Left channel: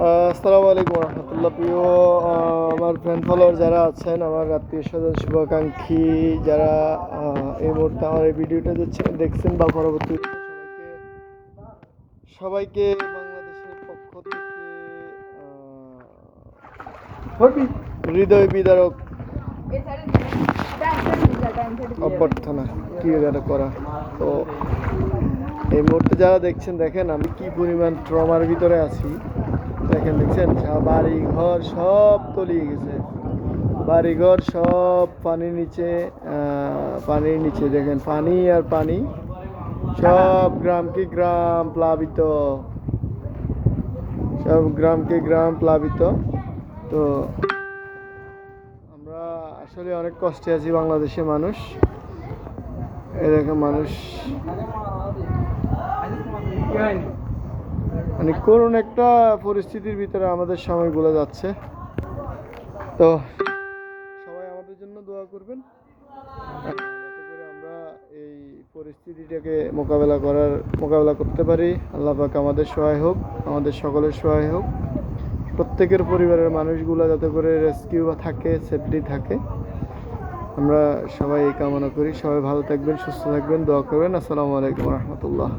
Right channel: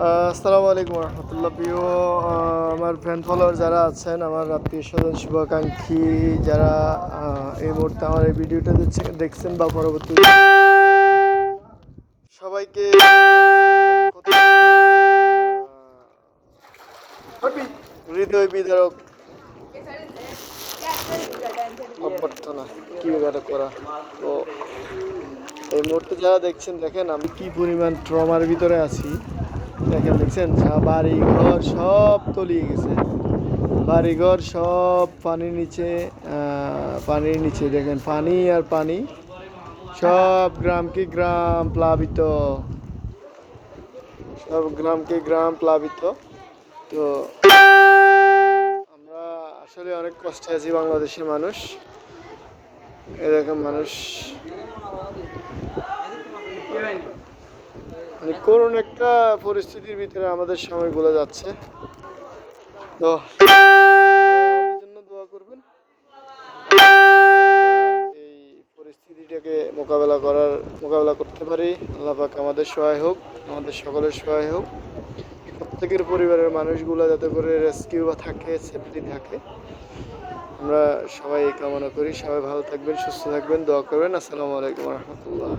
আসসালামু আলাইকুম রহমতুল্লাহ। প্রিয় আমার ফ্যান ফলোয়ার যারা আছেন, আমার আত্মীয় স্বজন শুভাকাঙ্ক্ষী যারা এই মুহূর্তে আমার এই ভিডিওটা দেখছেন বা পরবর্তী সবাইকে হৃদয় বিদারক অভ্যর্থনা কি এটা করা। তো এই মুহূর্তে যারা দেখছেন, দেখেন আমি কি পরিমাণ ট্রমার ভিতরে আছি। দেখছেন বাড়ি ঘর সব তলিয়ে গেছে, বাড়িঘর সব পানির নিচে দেখেন পানি আর পানি, সব গ্রামকে গ্রাম প্লাবিত, সব গ্রামকে গ্রাম প্লাবিত। তো আমরা আসলে অনেক কষ্টে আছি বাংলাদেশের মানুষ। এরকম মানুষ মানে করুণ একটা পরিস্থিতির ভিতরে আমাদের সময়গুলো যাচ্ছে। তো আমাদের জন্য দোয়া করবেন, এই পরিস্থিতিটাকে মোকাবেলা করতে পারি। আল্লাহ পাক আমাদের সহায় হোক, আমাদের সকলের সহায় হোক। প্রত্যেকের পরিবারের মানুষগুলো যাতে করে রেস্কিউ থাকে, সেফলি থাকে, আমরা সবাই এই কামনা করি। সবাই ভালো থাকবেন, সুস্থ থাকবেন, দোয়া করবেন। আসসালামু আলাইকুম রহমতুল্লাহ।